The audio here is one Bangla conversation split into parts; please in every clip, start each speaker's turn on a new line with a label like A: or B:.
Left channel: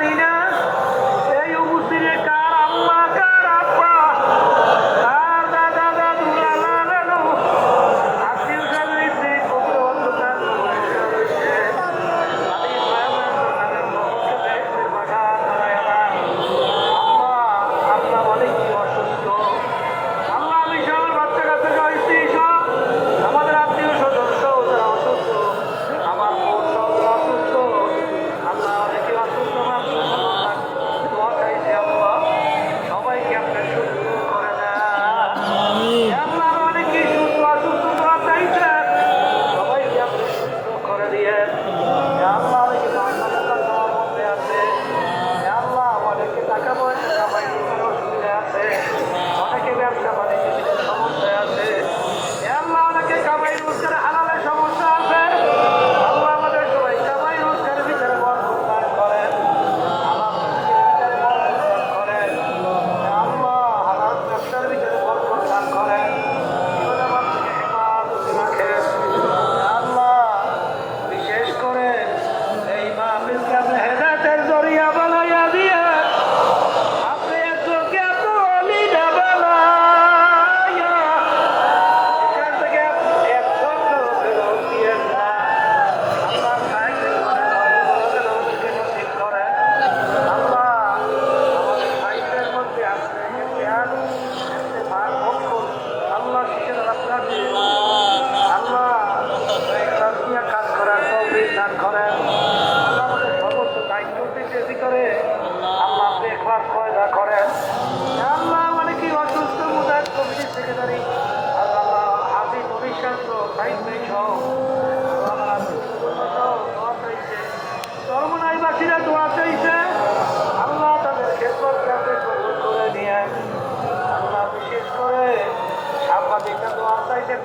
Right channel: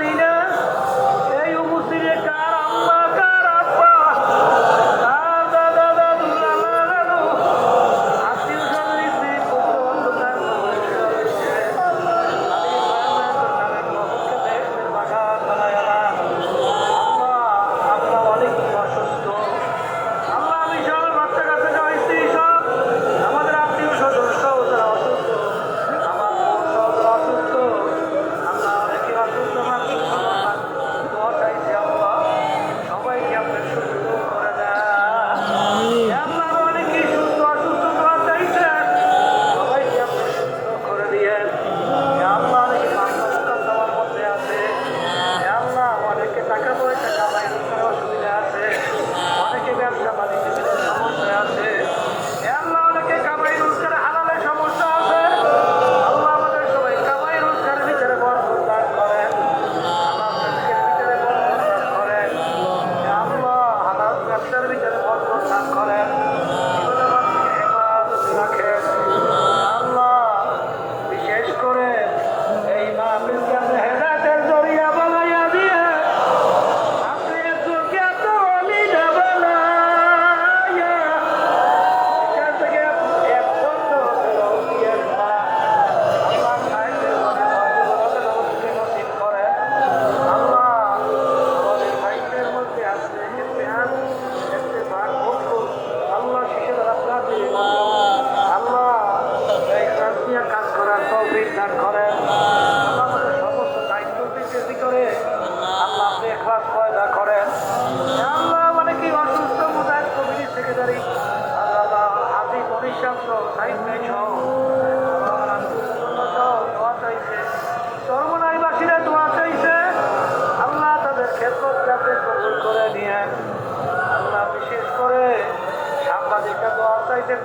A: later.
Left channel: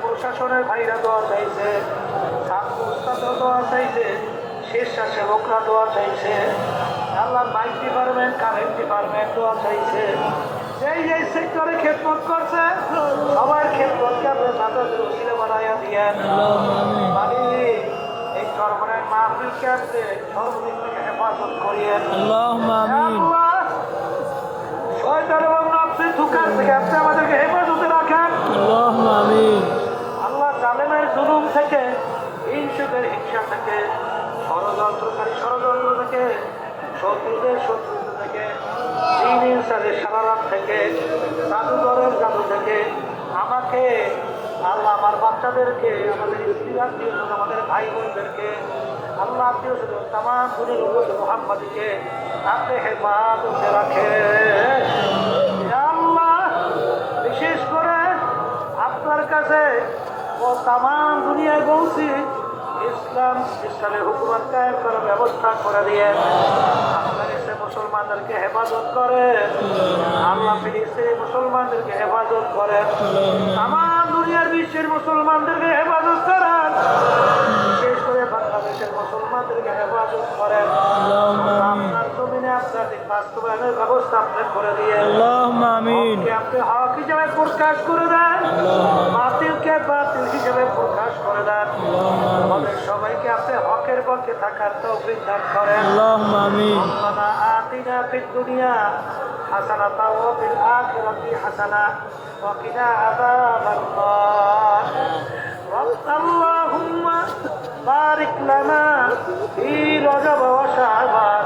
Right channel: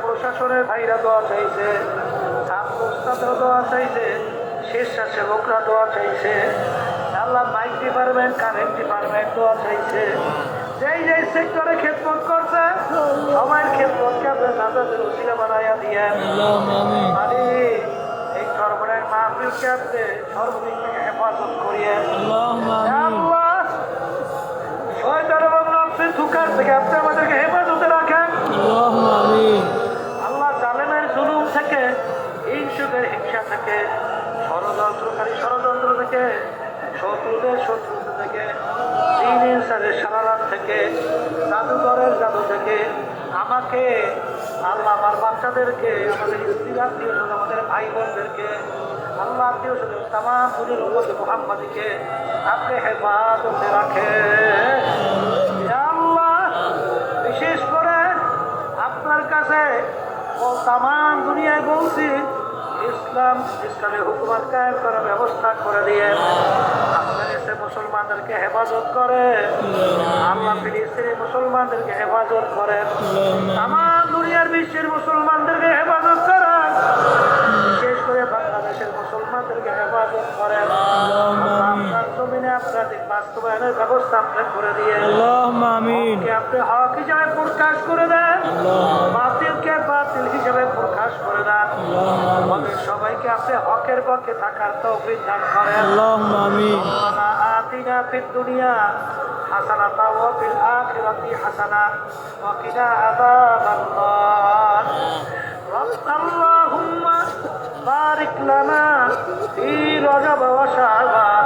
A: প্রশাসনের ভাইরা দোয়া চাইছে ছাত্ররা দোয়া চাইছে স্বেচ্ছাসেবকরা দোয়া চাইছে। আল্লাহ মাইক ডিপার্টমেন্ট কারেন্ট ডিপার্টমেন্ট দোয়া চাইছে। যেই যেই সেক্টরে খেতমত করছে সবাই খেদমতকে আপনার নাজাদের উচিলে বাড়াইয়া দিয়ে। এই ধর্মের মাহফিল আপনি সর্বদিক থেকে হেফাজত করিয়ে। আল্লাহ থেকে, শত্রুদের শত্রু থেকে দিন ইনসানের সারারাত থেকে, জাদুঘরের জাদু থেকে, আমাকে আল্লাহ আমার বাচ্চাদেরকে, আমাদের স্ত্রী আত্মীয় আমাদের ভাই বোনদেরকে আল্লাহ আত্মীয় স্বজন তামাম পুরের মোহাম্মদীকে আপনি হেফাজতে রাখে। আল্লাহ, বিশেষ করে আপনার কাছে ও তামাম দুনিয়ায় বলছি ইসলাম ইসলামের হুকুমত কায়েম করার ব্যবস্থা করে দিয়ে মুসলমানদেরকে হেফাজত করে আল্লাহ ফিলিস্তিনের মুসলমানদেরকে হেফাজত করে আমার দুনিয়ার বিশ্বের মুসলমানদেরকে হেফাজত করে বাংলাদেশের মুসলমানদেরকে হেফাজত করেন
B: اللهم آمين
A: আপনার জমিনে আপনাদের বাস্তবায়নের ব্যবস্থা আপনি করে দিয়ে
B: اللهم آمين
A: হককে আপনি হক হিসাবে প্রকাশ করে দেন
B: اللهم آمين
A: বাতিলকে বাতিল হিসাবে প্রকাশ করে দেন
B: اللهم آمين
A: আমাদের সবাইকে আপনি হকের পক্ষে থাকার তৌফিক দান করেন
B: اللهم آمين
A: ربنا آتنا في الدنيا حسنة وفي الآخرة حسنة وقنا عذاب النار رب اللهم বারিক লানা ফি রজব ওয়া শাবান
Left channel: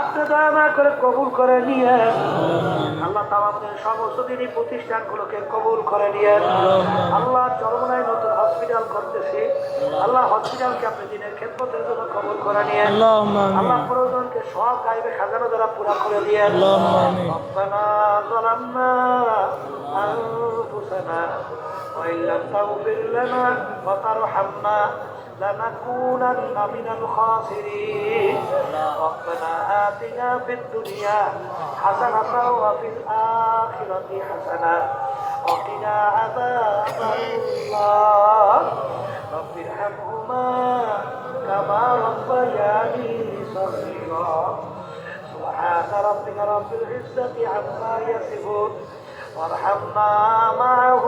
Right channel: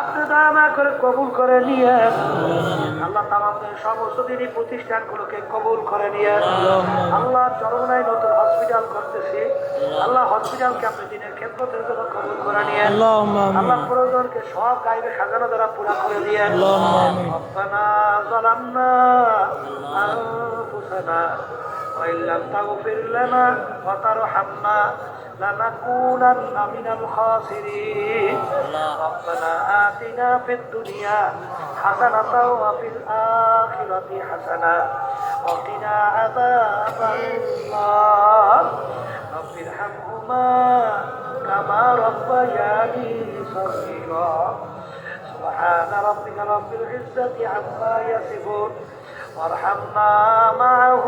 A: আপনি দয়া করে কবুল করে নিয়ে
B: اللهم آمين
A: আল্লাহ তাআলা আমাদের সমস্ত দিনই প্রতিষ্ঠানগুলোকে কবুল করে নিয়ে
B: اللهم آمين
A: আল্লাহ চরমনায় নতুন হসপিটাল করতেছি আল্লাহ হসপিটালকে আপনি দিনের খেদমতের জন্য কবুল করে নিয়ে
B: اللهم
A: আল্লাহ
B: آمين
A: প্রয়োজনকে সব গাইবে খাজানা দ্বারা পুরা করে দিয়ে
B: اللهم آمين
A: ربنا ظلمنا أنفسنا وإن لم تغفر لنا وترحمنا لنكونن من الخاسرين ربنا آتنا في الدنيا حسنة وفي الآخرة حسنة وقنا عذاب النار رب ارحمهما كما ربياني صغيرا سبحان ربك رب العزة عما يصفون وارحمنا معه